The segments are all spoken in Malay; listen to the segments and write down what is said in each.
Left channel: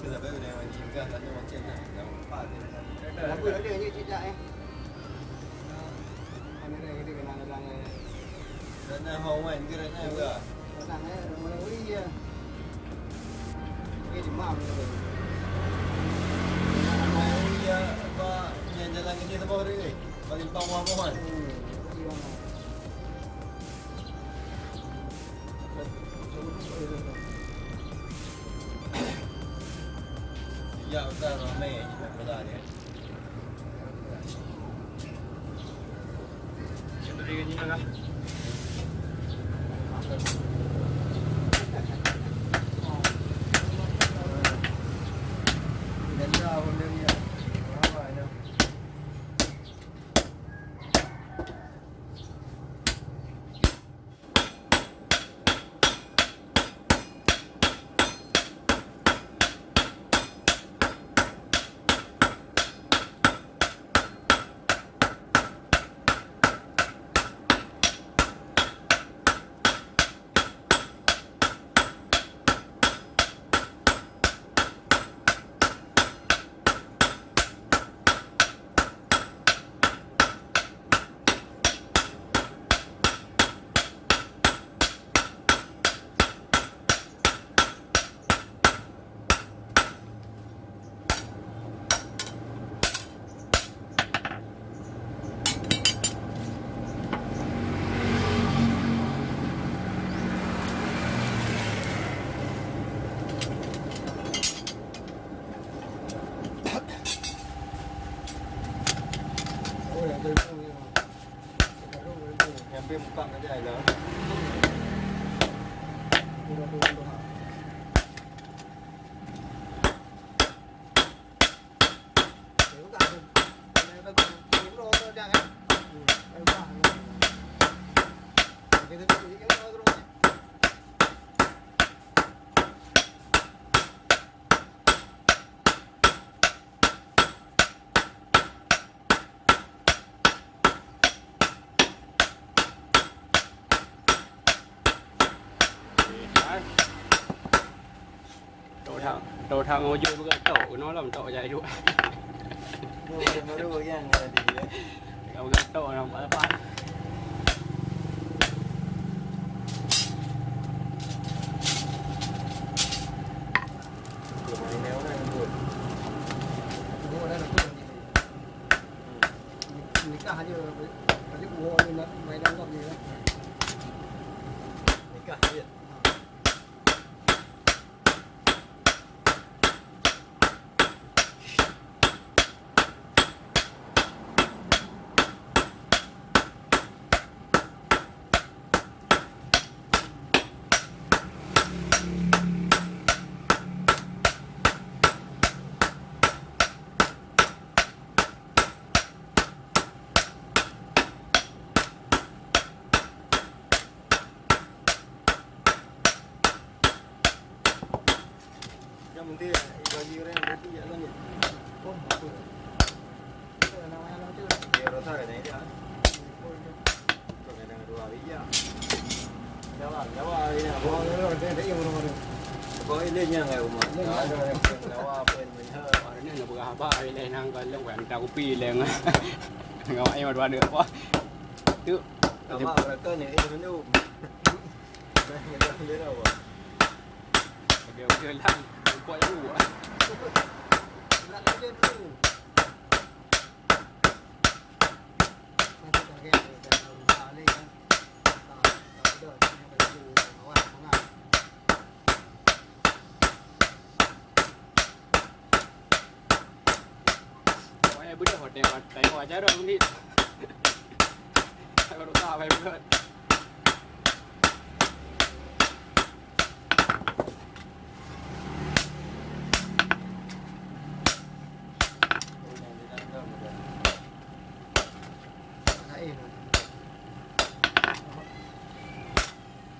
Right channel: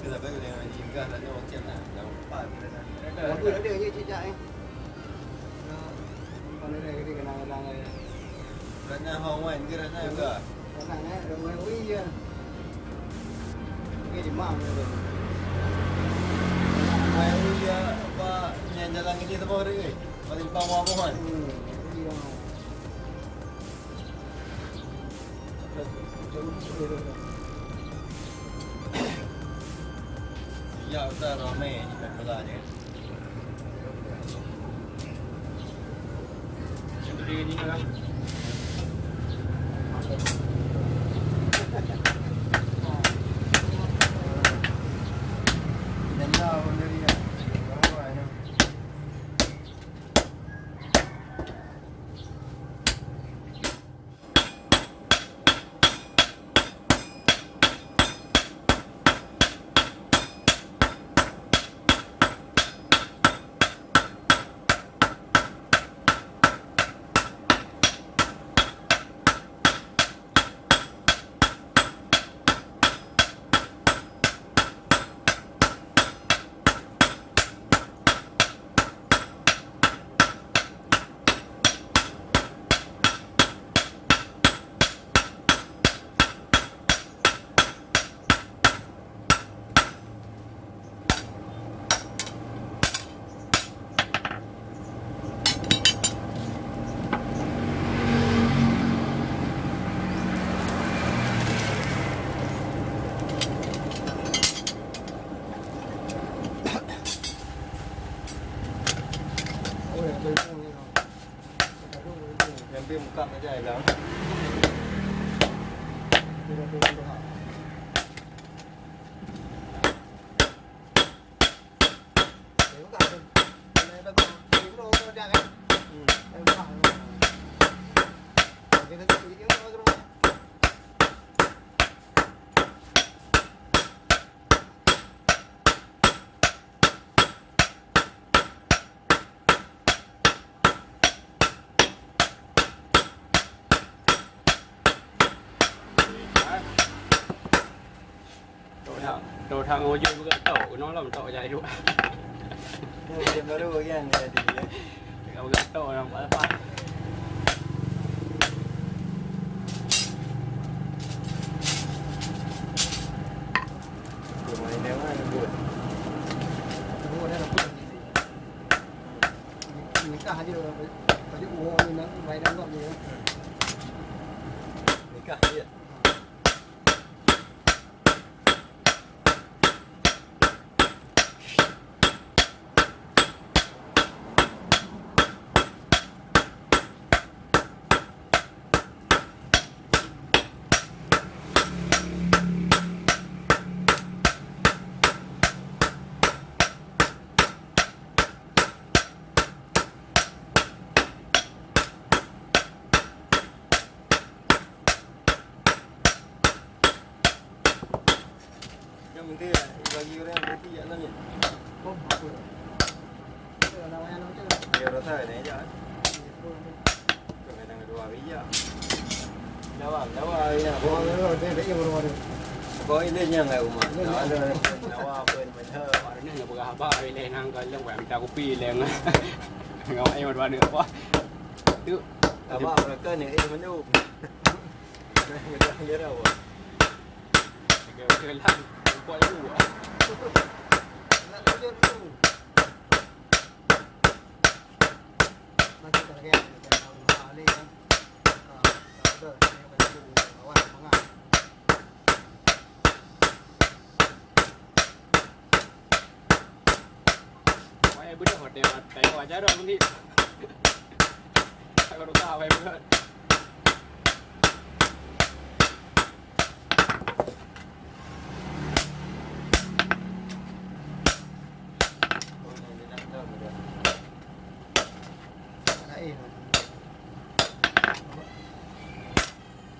คือแต่ไม่เป็นไรจริงก็แล้วก็เจ็บหนักแล้วป้าที่นั่นแล้วคือแล้วเดี๋ยวที่จะตอนนี้เลยที่กำลังเลย แล้วหน้าห้องวันก็แล้วหน้าก็ นั่งเนี่ยเราไม่รู้เยอะไม่มากเลย ไม่เยอะว่าเนี่ยจะลองกินสปอร์ตเลยตอนนี้ต้องว่าก่อนอย่าแต่เราไม่แบบเวลาเนี่ยเรียนนี้นะครับเน้นเราคนเดียวเนี่ยว่าอะไรเนาะเป็นพวกนี้เราเป็นรุ่งเป็นรุ่ง เงินเบี้ยมันตั้งก็ใหญ่แล้วดูดูดูดูครับเดี๋ยวก็เป็นอะไรไปก่อนยิ้มโลก็ได้ไงไอ้บ้าเดี๋ยวก็จะยิ้มโลก็ได้đầu thang ngồi chơi với cái tàu nó làm tàu dài chút nhưng mà mới được cái này thì ông cái tàu làm quá to từ mà nếu mà buồn đúng rồi đây là phút gì những cái gì phải chịu ngồi như nó mày đang làm gì đó những cái gì cái bao nhiêu đấy cái gì nó nhỉ không học được rồi nào anh nói chứ nhiều nó thời này chứ còn này là đồ bí à nếu mà rồi để yêu rồi có lên nhà ngày mà nếu mà bên mình hơi nên là bữa họp ai lên hàng coi lên quảng trao pi lên ngồi em mà đoán được quá chứ cảm ơn là cái này em mới đâu này người ta nhớ đâu à đều chơi lăn quay đủ lăn chơi đủ mà cái cái làm lên đỡ em phải đủ nó ăn món ăn quay bữa hồi đẹp tại hồi trái rồi cũng đi sao có tao phải bữa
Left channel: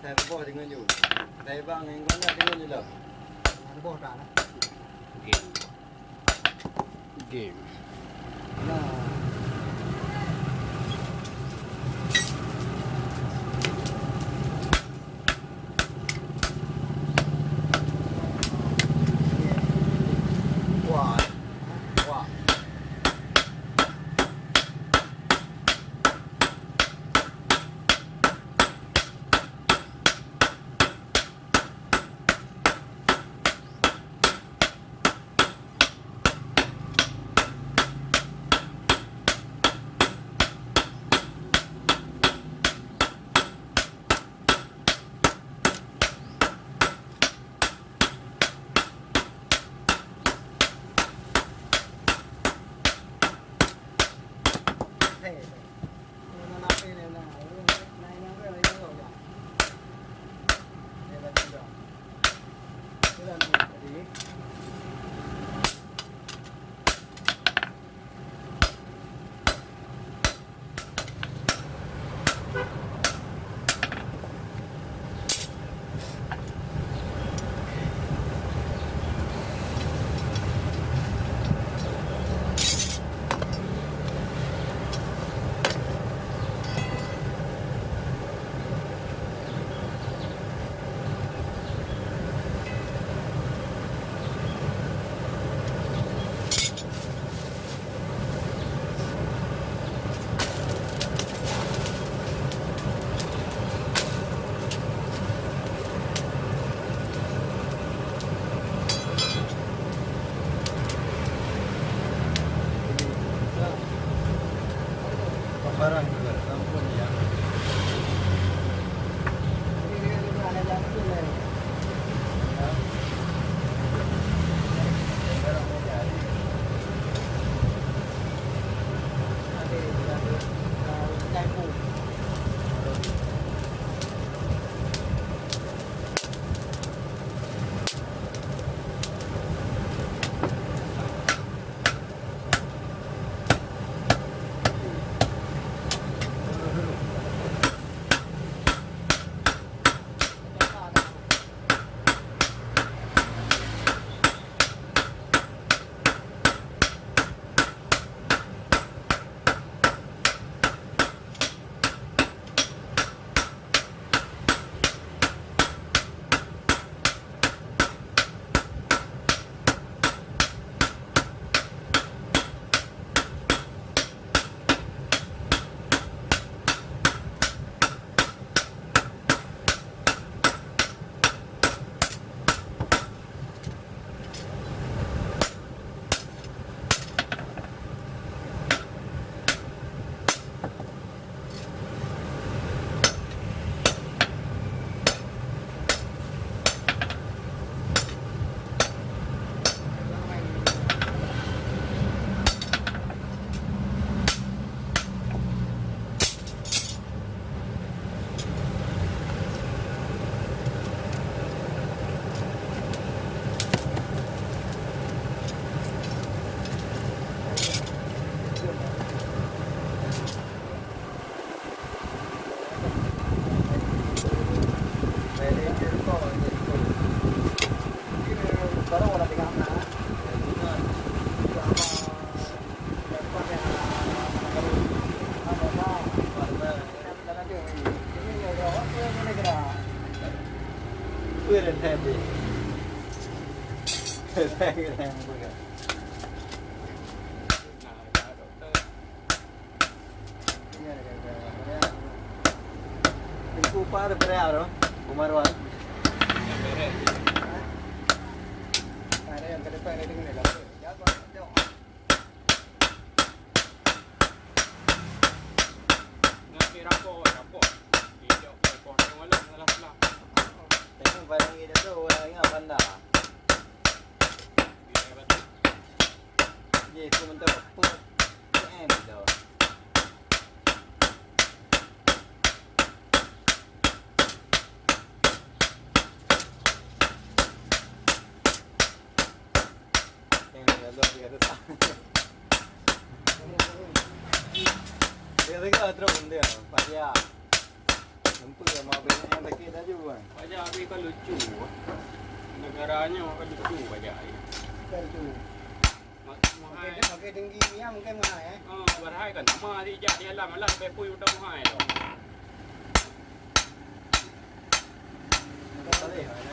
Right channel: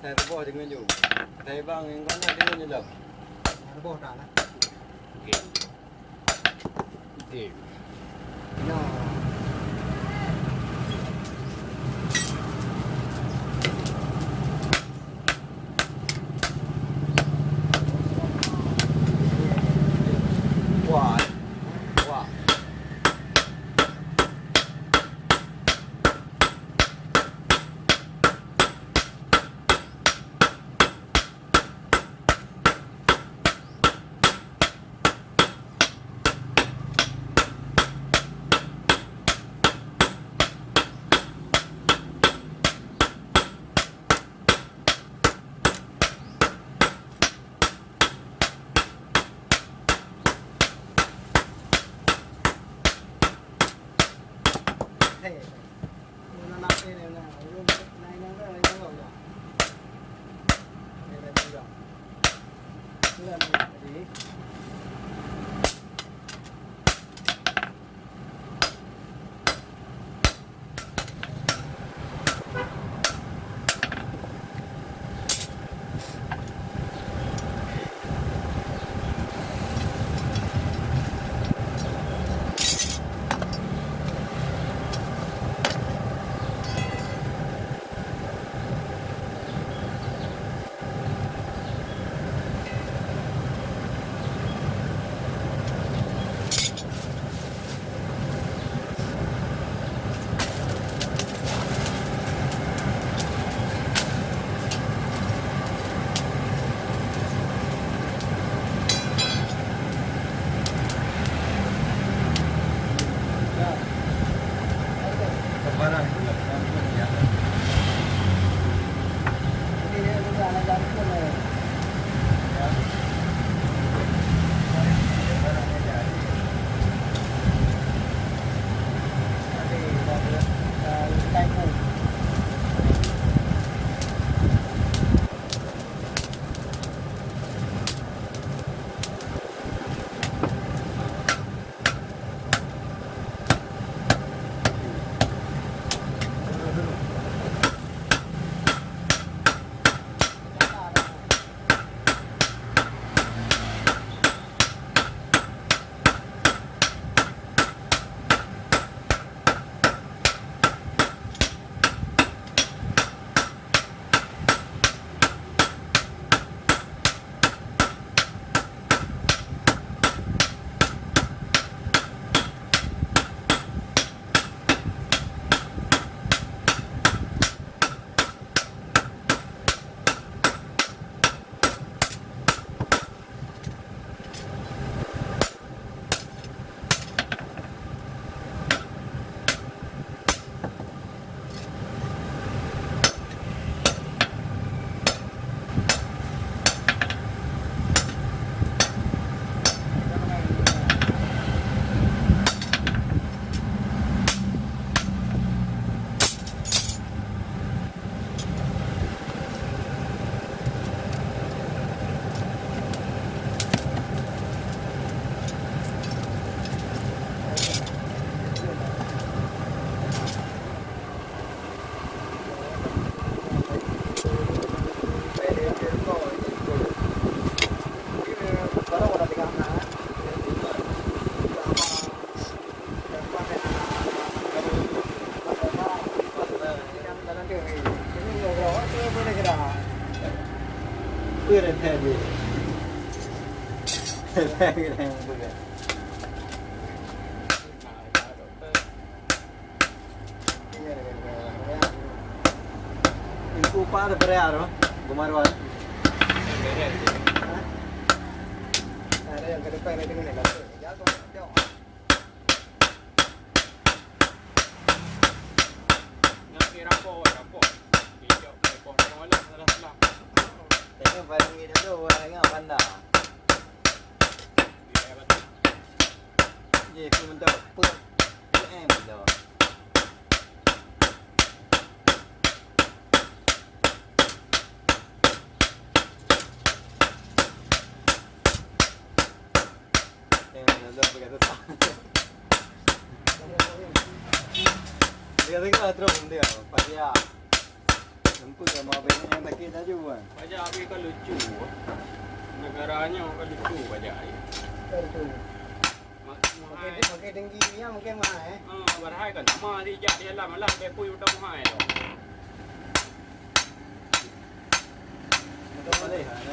thầy nó bỏ thì nguyên nhủ thầy bằng quán nhà cái nguyên lợp nó bỏ trả này game No. Quả. Quả. Thế nó nằm bên này là ở bên này nó phải lấy nó rồi nhỉ. Đây là đi được. Đây là đi. Barang kampung ya. Ini dia jalan-jalan tu lah. Ya. Barangnya jadi. Ada tay phủ. Pure tadi. Tadi yang bukan. Ibu par berapa? Kumarwan. Ada yang ke depan ini ni lah. Ya, jauh. Ngasih rapor. Dia rapor orang lah. Tengok barang ini tu orang ingat pandai. Ye, tu mentok pun PM tu. Tengok dah berkata tak. Dia tengok terus dia, payah. Nampak kan mobil yang tak kena juga. Pajak habis kan lucu. Negaranya kan lucu pajak ni. Itu. Pakai tinggi ni mungkin mahal Berhai kan lama di jak dia lah malah bepui udah mahal tu. Kau boleh ada.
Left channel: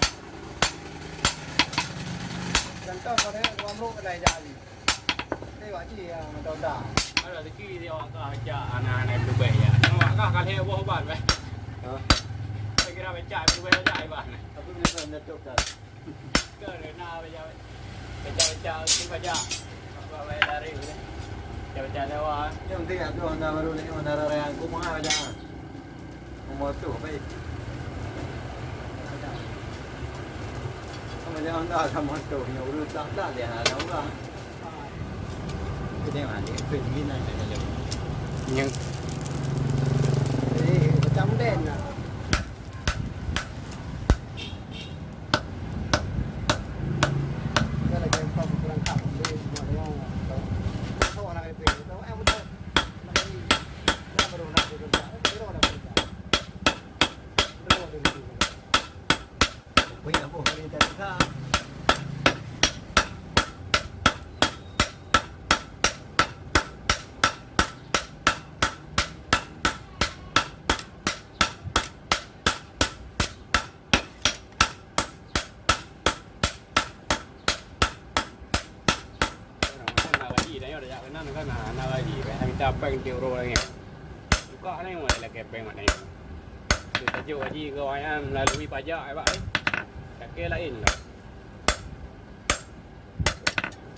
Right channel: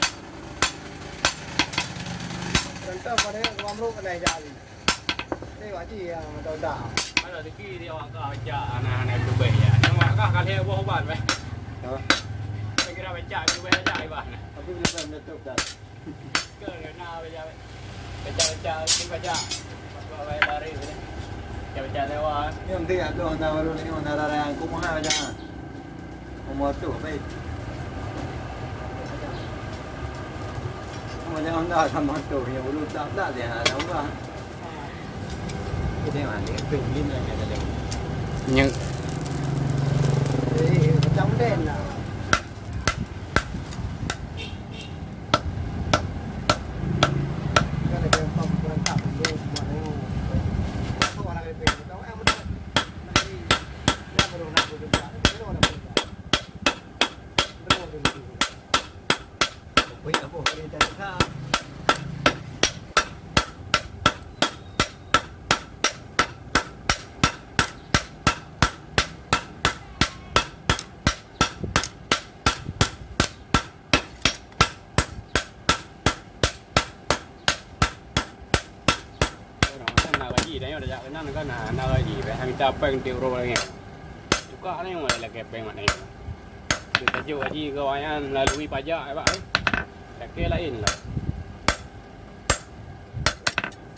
Contoh pada orang ru kedai jadi. Ni wajib yang tahu dah. Ada rezeki dia awak kah ajak anak-anak Dubai ya. Awak kah kali buat ubat weh. Saya kira baca Dubai aja ibah. Tapi belum menutup dah. Ke nak baca pun baca. Bawa dari tu. Baca lewat. Yang penting aku honda baru ni honda raya aku mahal jangan. Umur tu baik. Macam honda sama tu yang urut tak dah dia ada orang. Cái này là tự nhiên này là được. Nhưng Jadi macam den lah. Kan ada pom kurang tak dia semua yang tahu orang lebih tahu betul. Nanti dia baru nak bekerja, dia nak bekerja. Dia nak bekerja. Bây giờ bộ người ta ra. Nó có là gì vậy? Thằng cha bèn tiêu rồi nghe. Chú có này ngoài là kẹp bèn mặt này. Thì ta chưa gì gọi anh là Louis Paya ai bảo. Cái kia là in là.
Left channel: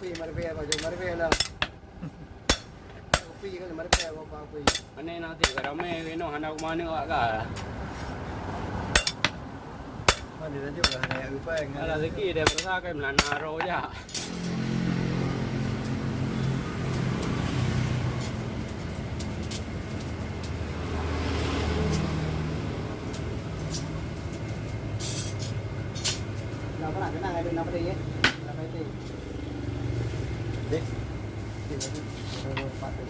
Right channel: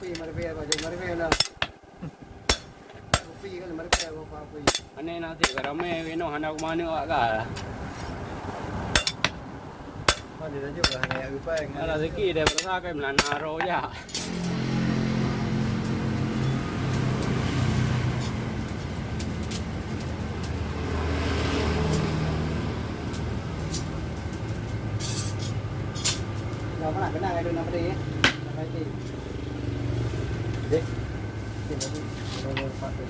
Phi mar về vào rồi mar về là. Phi cái mar về vào phi. Anh này nó thì cái mẹ cái nó hắn đâu mà nữa cả. Mà thì ta chưa là này bèn. Là cái kia để ra cái là rồi nha. Nào có cái này nào đi nào phải đi Đi. đi đi phát được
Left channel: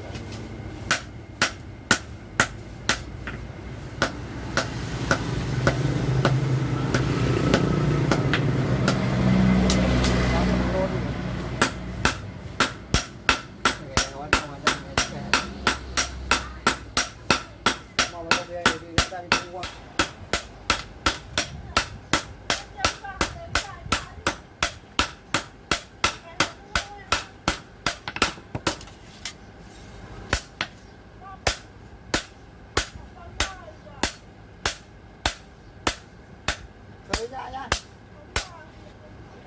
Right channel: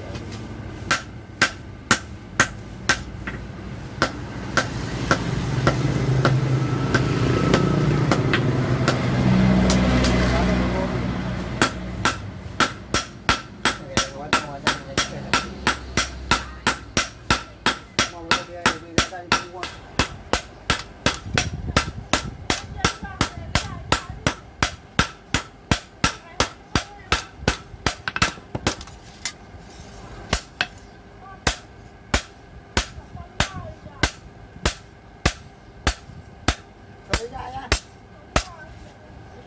thời gian nha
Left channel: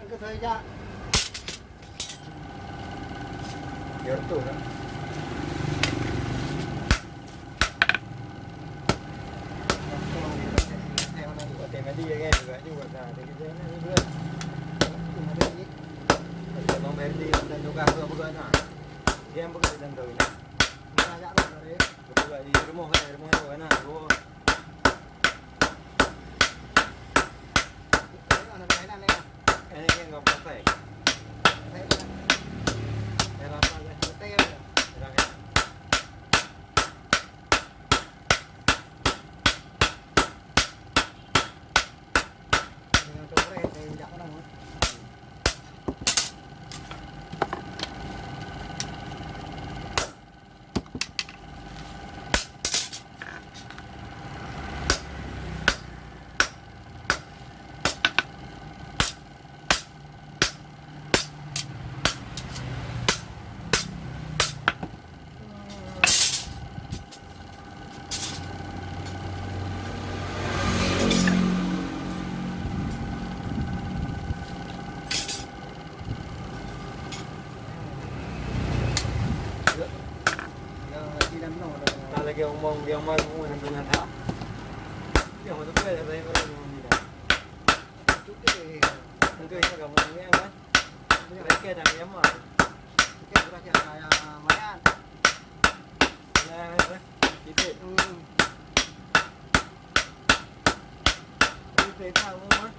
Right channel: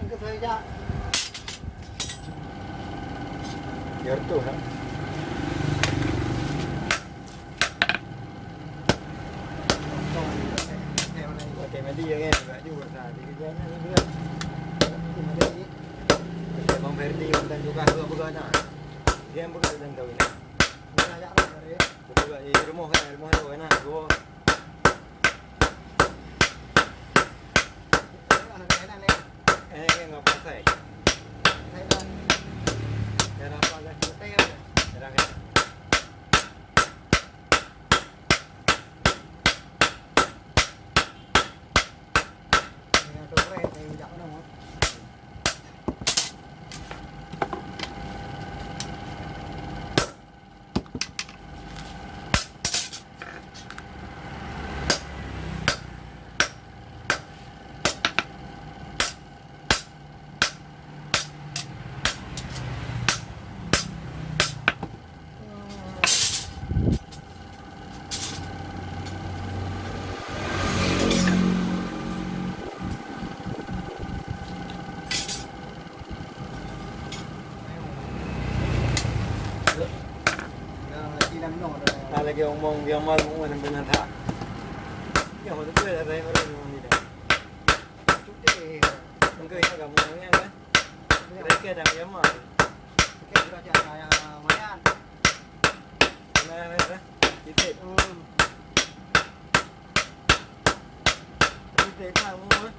anh cứ thời gian Giờ tủ đó. theo này Để mà đi anh em vậy đi buổi nào thì cái này như vậy. thì mà đi Để mong phải đi lên chỗ ca vừa bữa nào. Game bữa lần đầu này. ra dạ rồi đấy Bữa thì cái mong cái này mong rồi nào cô. cái này nè Em ngọc phải. thấy không Để nó qua đây. teo Để ra cái. này đồ này thì dạo đâu không đi làm nổ rồi Ta là cái ông mong cái ông mong cũng là bên thả. Cái hồi lúc đây là đây có đây như này. chút thì Mình cười cho cả một người em đấy. Đấy kia thằng em mà. cái chúng ta chạy là máy ăn Này đấy. Đi thế. Đi thế sao mua ấy.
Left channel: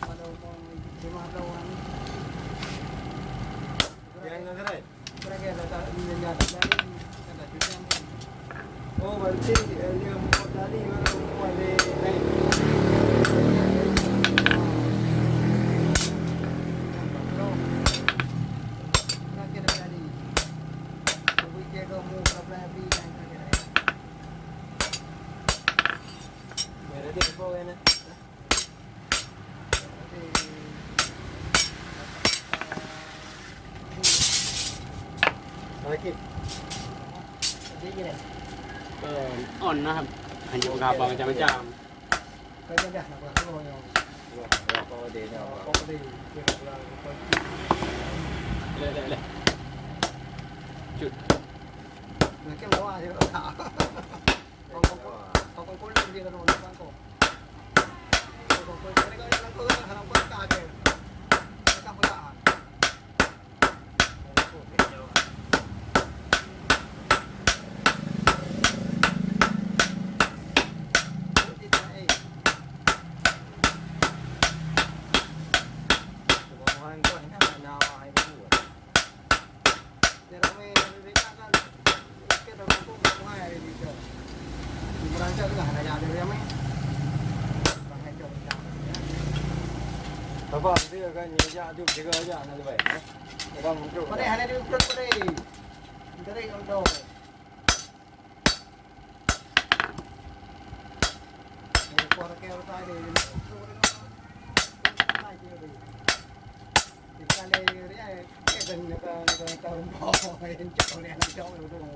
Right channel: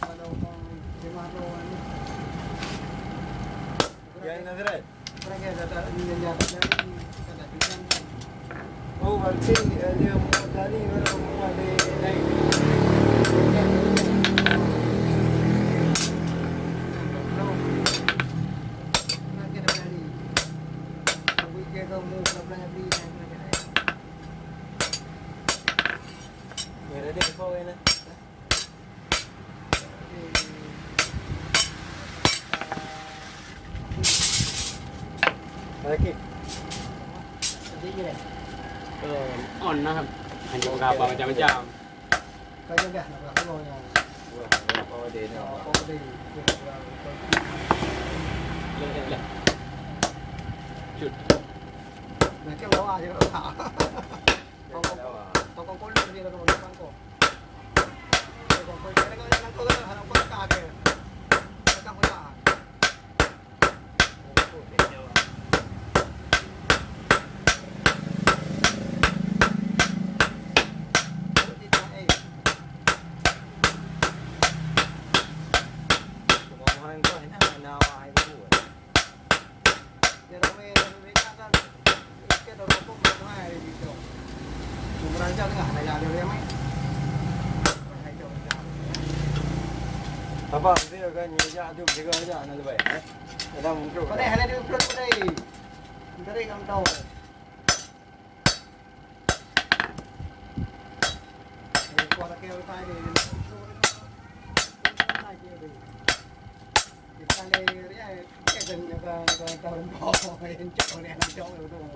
bắt đầu con thì mà đâu ăn Cái anh nó thế này. cái này là nhân nhà cái là chú em Ô vào chi một cái đi ngoài đây. lâu kamu pernah beli yang kira-kira. Nggak ada info ini. Lagi. Jadi deh. On นะครับให้อยู่กับประจำ Kayaknya dah nak kalau yang Wah, apa dia ni? apa tadi kira kurang kau เลยจุด nak kem lawa je kalau tak. Kau kau dia dia kalau nak kau. Kau dia kau yang kau kan harap kau tak ada. Tak kau tak. Apa dia kan nyia tu juga aja nak lebih. Ada muncul. Pada hari ni perut pada. Kering am tahu. Ini kuara kau tak ada. Kita le dia kan kan tahun bawah yang cakap ni nak cakap betul.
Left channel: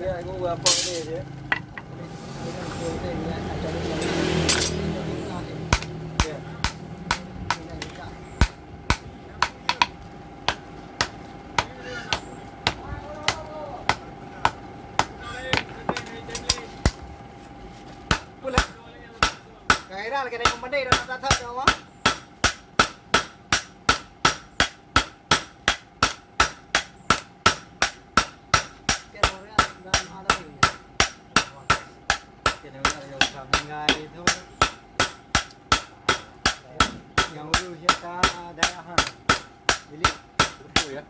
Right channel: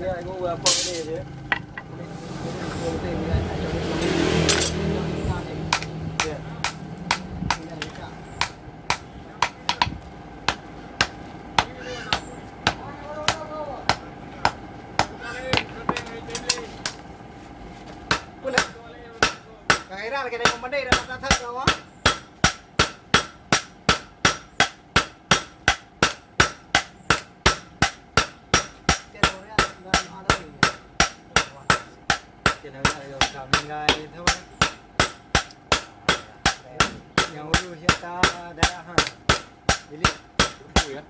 Dia aku apa dia? Cái ra là cái này không vấn đề đâu, ta thật đâu á. Cái đồ đấy là đâu thì Cái đó là làm ngay thôi. Nhau lu kita dah ha. Jadi เหลือ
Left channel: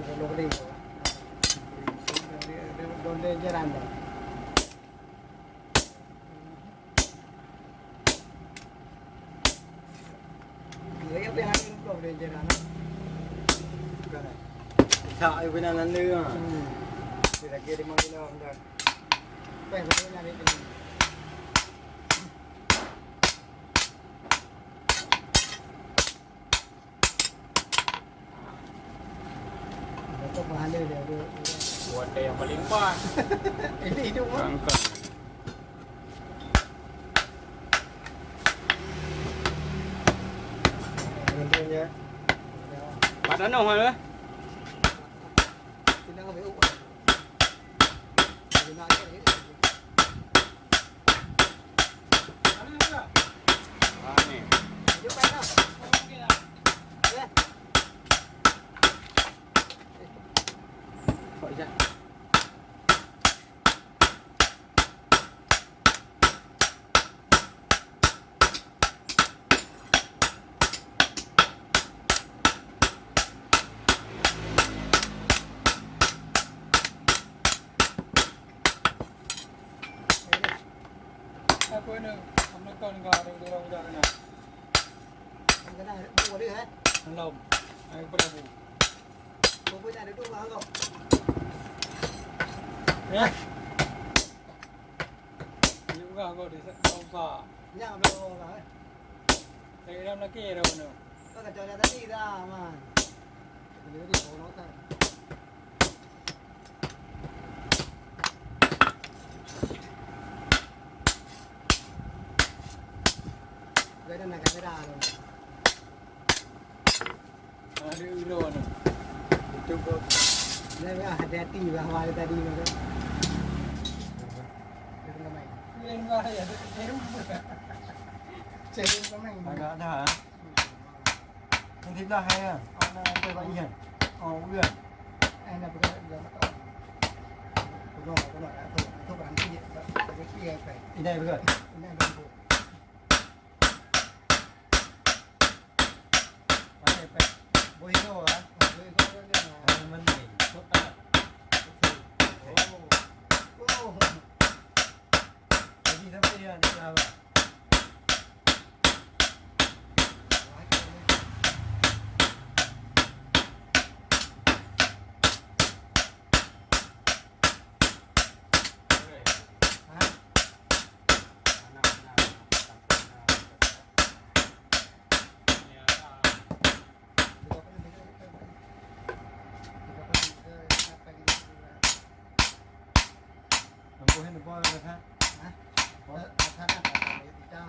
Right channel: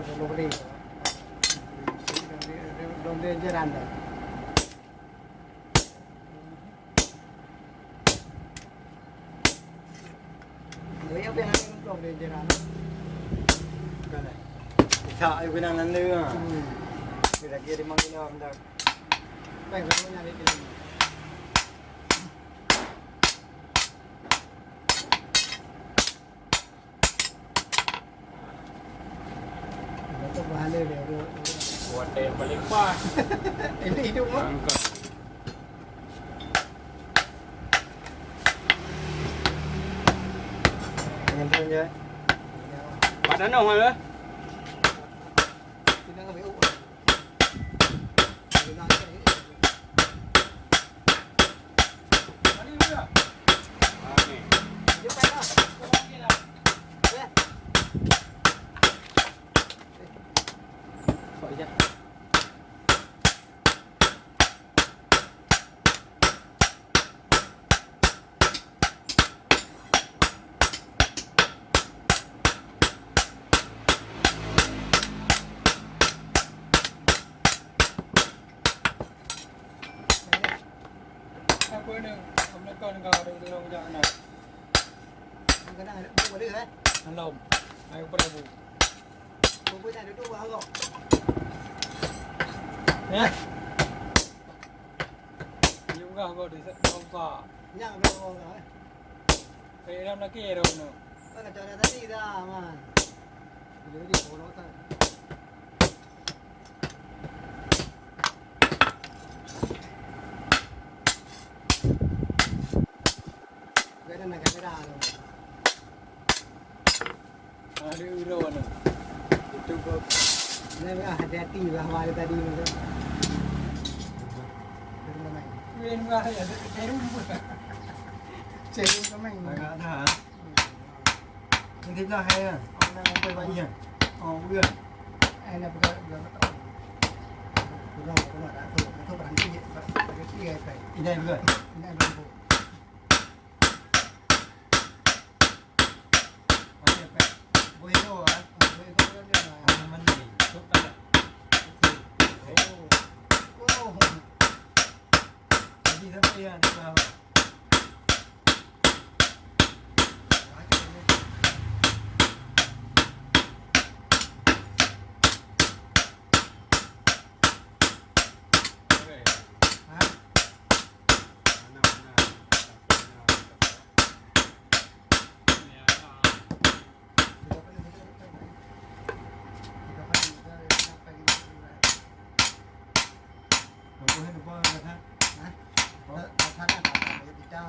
cái đồ này donde jalan dah. Jadi apa yang ini donde jalan? tak aku nak nanti ah. Kita kira manggil apa dah. Baik, betul nyari ini. Itu bahan dia dia. buat yang paling pas Ini hidup mah. Dengan tu je. padan dong hal Kita enggak beuk. Kita nak ni. ni Jumpa dah. Ya. kok je Apa ni? Amna kan ka ada di dalam jangan nak. Kita nak buat dia eh. Dalam. Ayo prabu. Buat dia duduk bang kau. Ya. Juga kau di tempat. Nyang belum lah. Saya dalam lagi ada mana? Kau kacau dia tadi dah man. Bila dia bodoh tak. Ada nak kamera tu. Ada iro mana? Itu kau. Ni hati-hati lah awal tadi ni tu. Dia main. Main bah ya. Cek main. Agak dah. Ini kita hai ah. Orang pergi Iya. Oh, iya. nak pergi dia tak tahu. đã tổ cái thuốc bán kia vậy cái kia phải Ini dah betul. ini ada bu Mana pek? Boleh tu ah. với có cái là Mana ni? Cukup tak? ô Jadi sampai yang ni faham. quá trời luôn Okey. hả Mana mana. Ya. kita kan apa ini Nampu hen apa kata? hảท่านน่ะตามไปที่เจ้า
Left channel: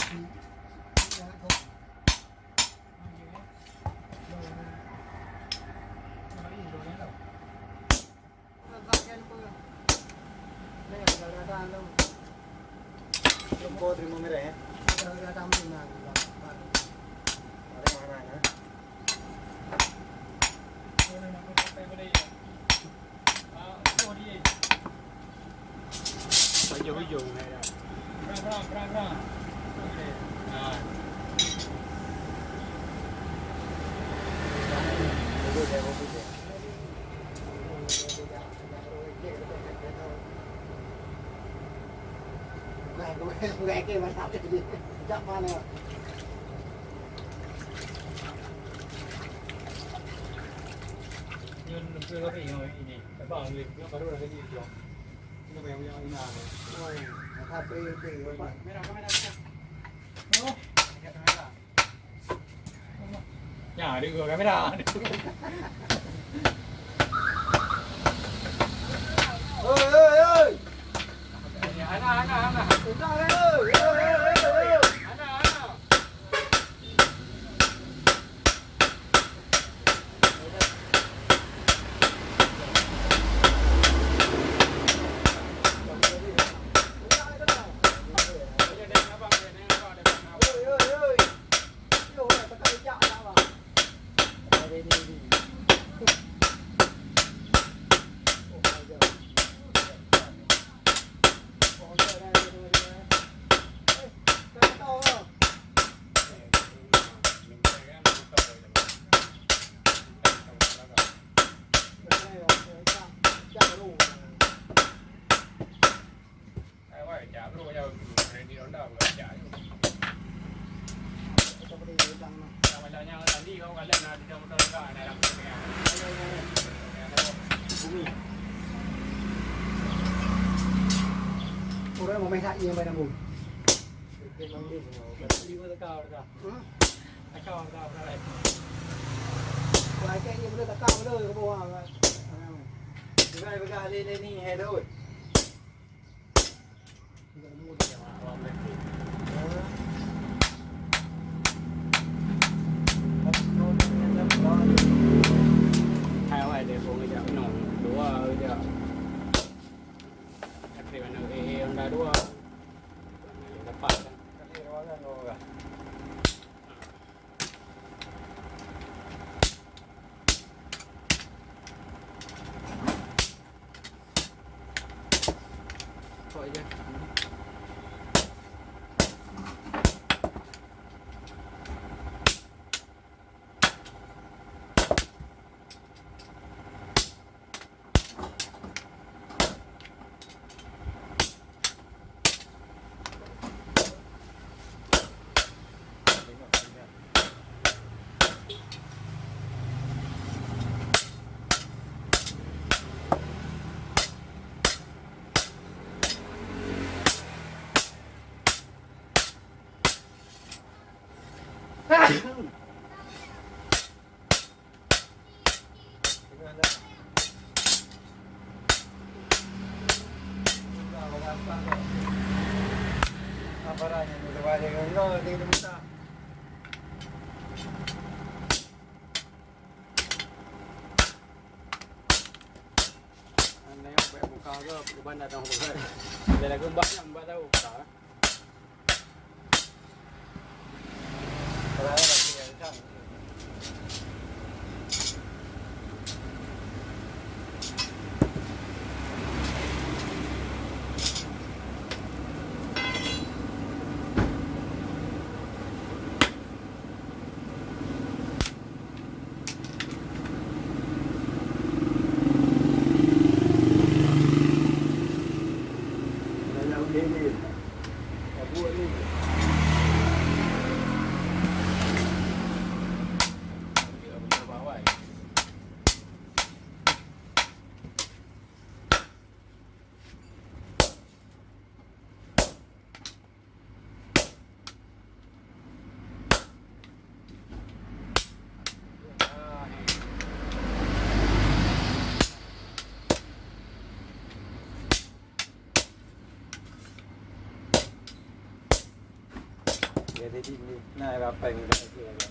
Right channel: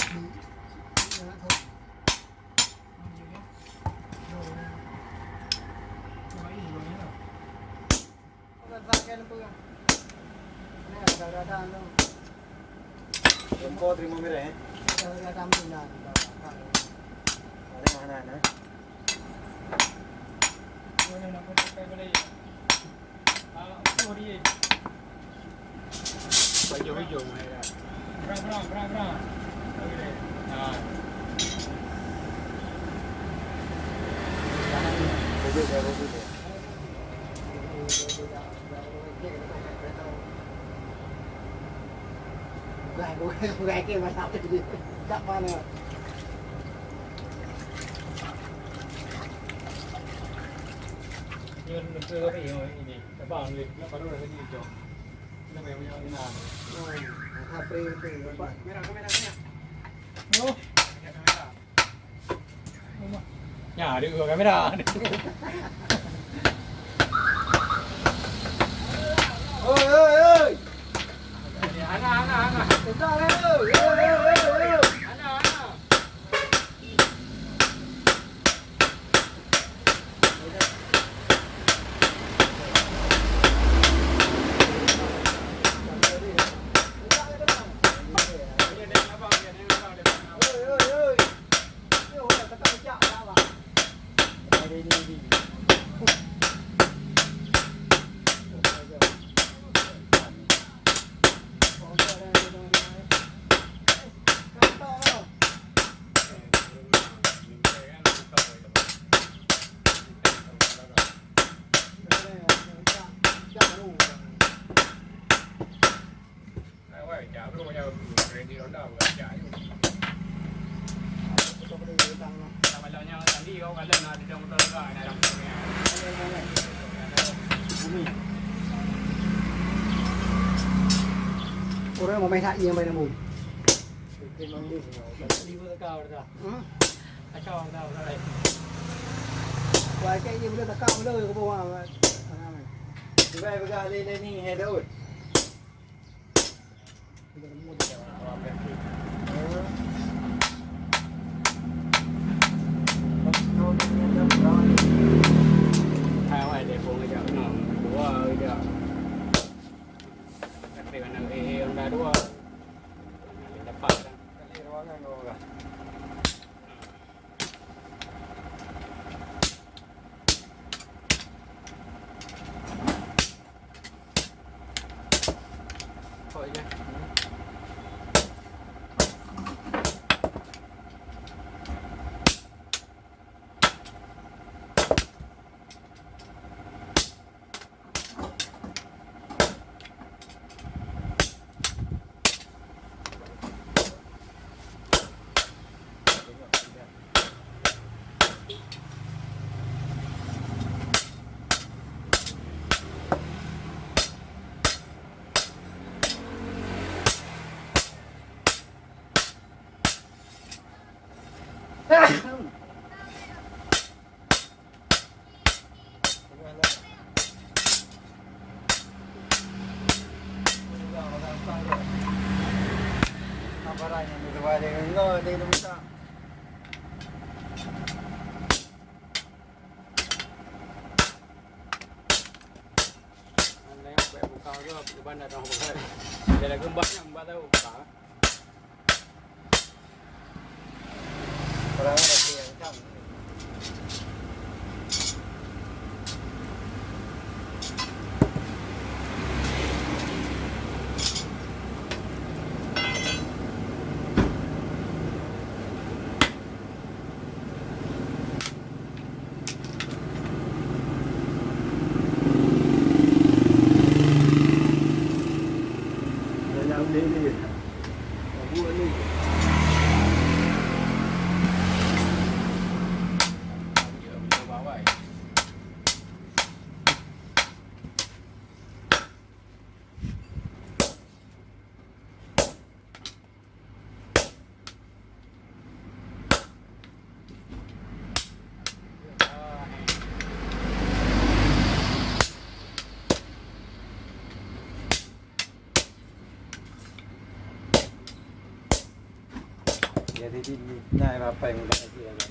ที่นะทุกNampu terima merah eh. Ada tunan Pak. Ada mana nah? Boleh nak pakai boleh. Boleh. Hijau-hijau ni dah. Berang. Okey. Boleh dah, boleh dah. Gái kia mà sao đi chắc ba này Nhân mình chưa có thể rồi ini. Tapi bang lip nak baru dah jadi hijau. Ini yang ini nah. HP Pak Merah. Oh. Merah. Ya, dia gua kamera. Oi. Ana. Kita oi. Ana. Oi. Yêu là tất cả cái chợ ra mà Đây đi. Có giờ đây rồi cái to rồi đây là chợ đủ cho cái đi tăng Bumi. Ora mà mày hạ nhiều mày là mùi Kita mandi. Rồi cái gì cũng ta cao cái đời của bố à Kita begal le ni hai dah. Ada gembak yang mbak tahu tak? ที่ดินง่ายว่าไปมันก็คืออะไร